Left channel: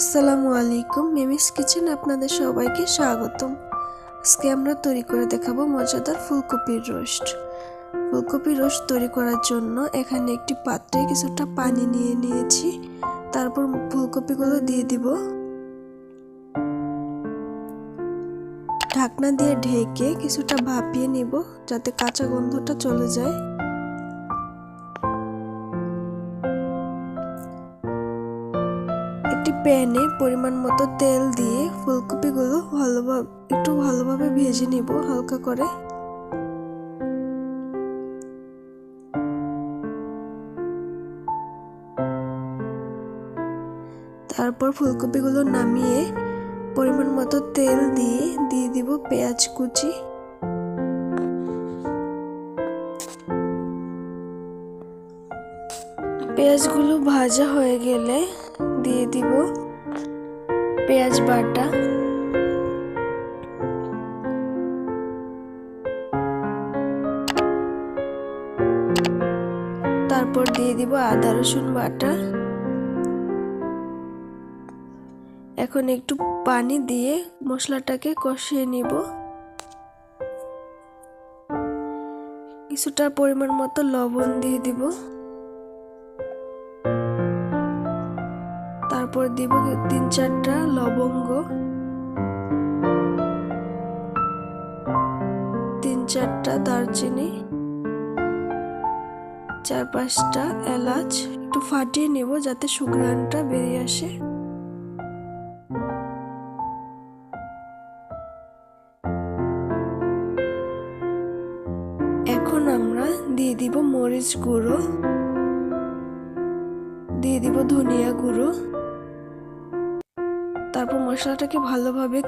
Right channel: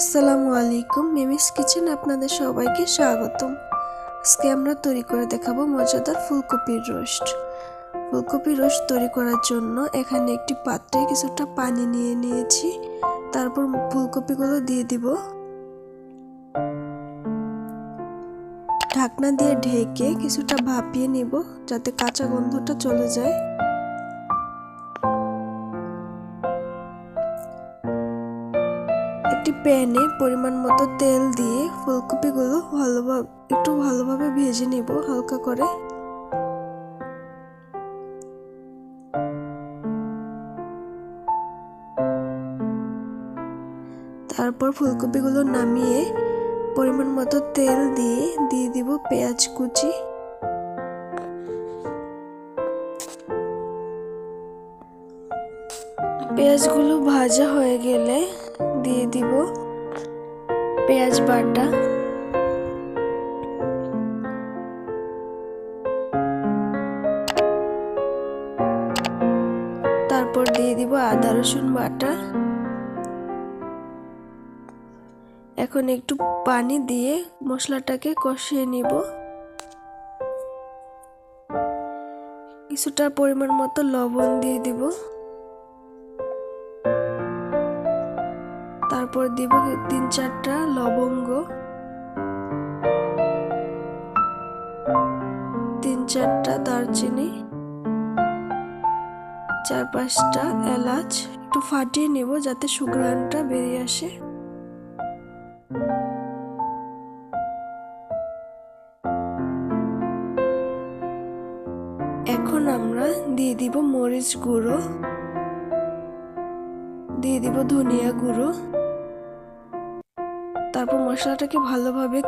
আসসালামু আলাইকুম, Mimi's kitchen আপনাদের সবাইকে স্বাগতম। আজকে আমরা তৈরি করে দেখাবো মজাদার ফুলকপির রোস্ট। ফুলকপির রোস্ট তৈরি করার জন্য এখানে একটি পাত্রে কিছুটা পানি নিয়ে নিয়েছি। তারপর ফুলকপিগুলো দিয়ে দিব। ঢাকনা দিয়ে ঢেকে কিছুটা ভাপিয়ে নিব যাতে কাঁচা গন্ধটা চলে যায়। একটি প্যানে পরিমাণ মতো তেল দিয়ে ফুলকপিগুলো ভালোভাবে ভেজে নিব হালকা করে। তারপর ফুলকপিগুলো নামিয়ে পরিমাণ মতো তেল দিয়ে দিব পেঁয়াজ কুচি। পেঁয়াজগুলো ভাজা হয়ে গেলে দিয়ে দিব পেঁয়াজ বাটা, তারপর দিয়ে দিব আদা রসুন বাটা। এখন একটু পানি দিয়ে মশলাটাকে কষিয়ে নিব। কিছুটা পরিমাণ মতো লবণ দিয়ে দিব। তারপর দিব 3-4টা লবঙ্গ, 3-4টা দারচিনি, 4-5টা এলাচ। একটু ফাটিয়ে নিব যাতে সুঘ্রাণটা বেরিয়ে আসে। এখন আমরা দিয়ে দিব মরিচ গুঁড়ো, দিয়ে দিব ধনিয়া গুঁড়ো। তারপর মশলাটাকে ভালোভাবে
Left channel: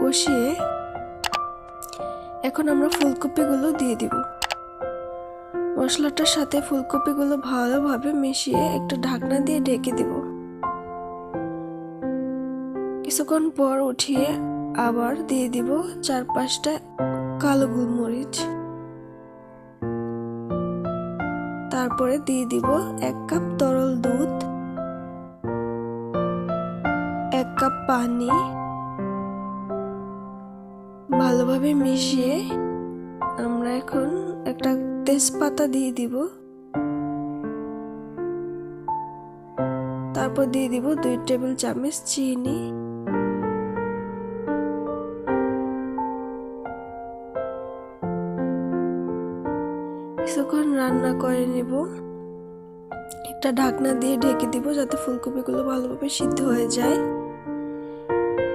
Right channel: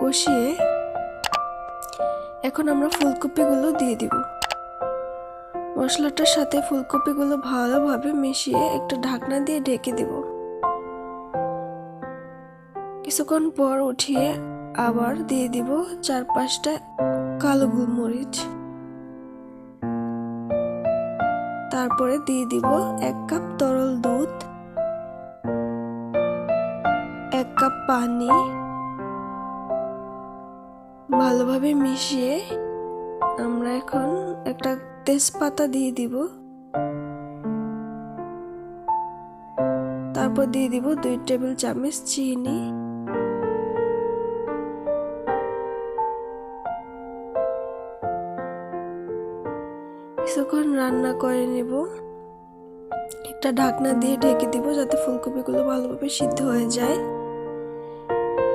কষিয়ে এখন আমরা ফুলকপিগুলো দিয়ে দিব। মশলাটার সাথে ফুলকপিগুলো ভালোভাবে মিশিয়ে একটা ঢাকনা দিয়ে ঢেকে দিব। কিছুক্ষণ পর উঠিয়ে আবার দিয়ে দিব 4-5টা কালো গোলমরিচ। তারপরে দিয়ে দিব 1 কাপ তরল দুধ, 1 কাপ পানি। ভালোভাবে মিশিয়ে আমরা এখন একটা তেজপাতা দিয়ে দিব। তারপর দিয়ে দিব 2 টেবিল চামচ চিনি। কিছুক্ষণ রান্না করে নিব। একটা ঢাকনা দিয়ে ঢেকে দিব যাতে ফুলকপিগুলো ভালোভাবে সিদ্ধ হয়ে যায়।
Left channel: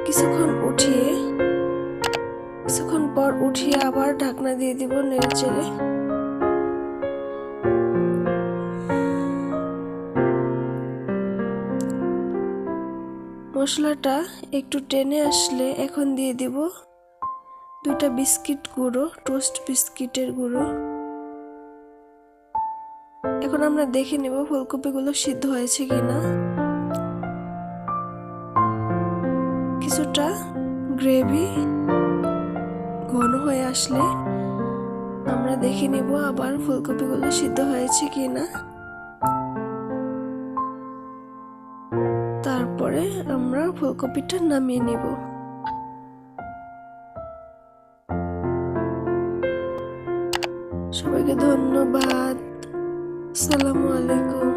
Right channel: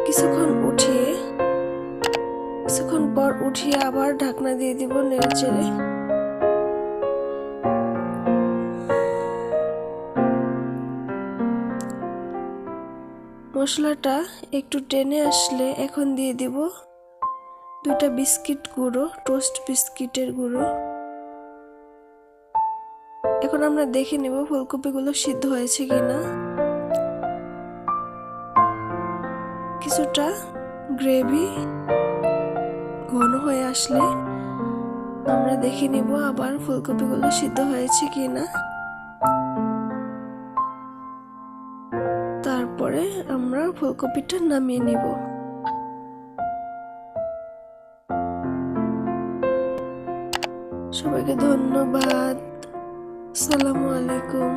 কিছুক্ষণ পর উঠিয়ে আবার ঢাকনা দিয়ে দিব নেড়েচেড়ে। মশলাটা একটু টেনে আসলে এখন দিয়ে দিব 2টা বিস্কিট গুঁড়ো, টোস্ট বিস্কিটের গুঁড়ো। এখন আমরা দেখে নেব ফুলকপিগুলো সিদ্ধ হয়েছে কিনা। কিছুটা গ্রেভি ঘন হয়ে আসলে আমরা দেখে নেব আবার ফুলকপিগুলো সিদ্ধ হয়েছে কিনা। তারপরে আমরা ফুলকপিটা নামিয়ে নিব। সবাইকে ধন্যবাদ। আসসালামু আলাইকুম।